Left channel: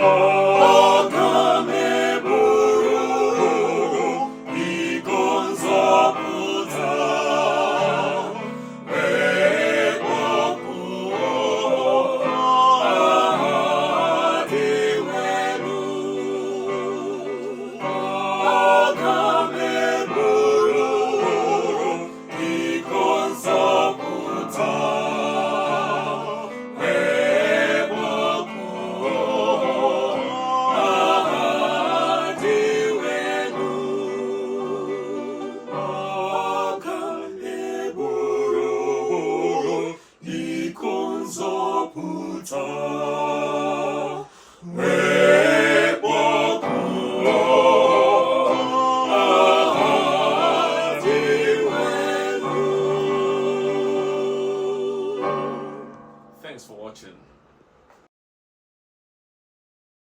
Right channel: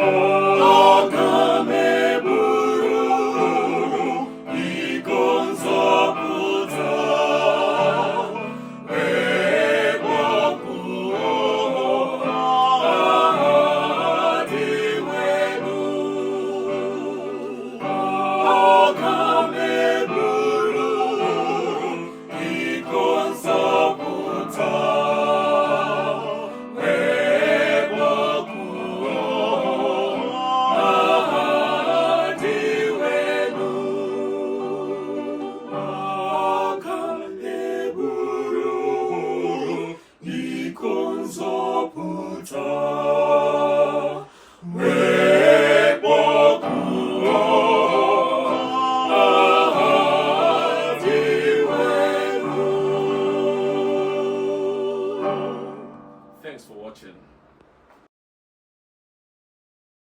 aga m eburu iko nzọpụta wee kpọkuo aha dị elu. Aga m eburu iko nzọpụta nzọpụta wee kpọkuo aha dị elu. Thanks for watching.